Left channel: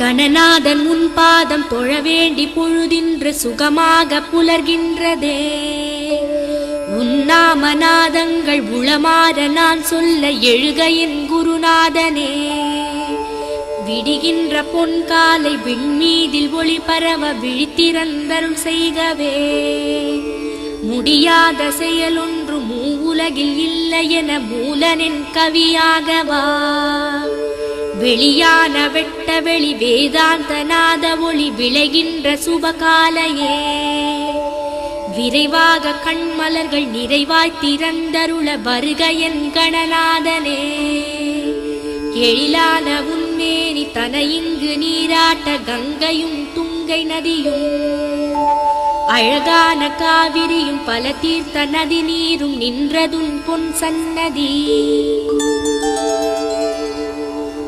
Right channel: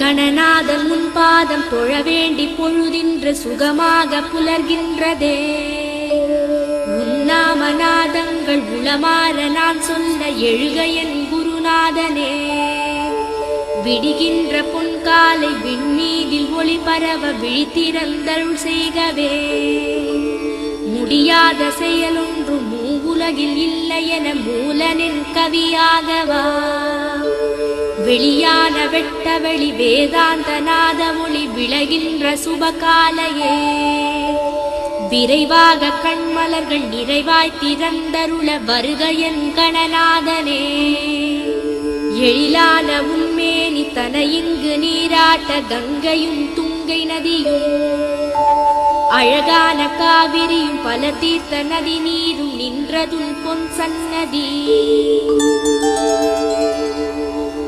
கணநாதன் உன் பாதம் தொழ வேண்டி பொழுதின்று சுகமாக புலர்கின்றதே. உன்னாமநாதங்கள் உளமாற நான் சொல்ல எழுக என் குருநாதனே. விடுகின்ற பொன்காலை விண்மீதில் ஒளி பரவ விழித்திறந்தருள் செய்கவே. முடியாத செயலொன்று மூவுலகில் இல்லை என மூலனின் கவியாகவா. வெளியான வெட்ட வெளி வேதாந்த நாத மொழி விளைகின்ற சுபகாலையே. விரைவாக கண்மலர்கள் நிறைவாய் திறந்தருள வருக என் கணநாதனே. எழிலான உன்மேனி தன இங்கு நீராட்ட கங்கையும் துங்கை நதியும் அழகான காவிரியும் பல தீர்த்த நதி நீரும் நின்றதும் பொன் சன்னதி.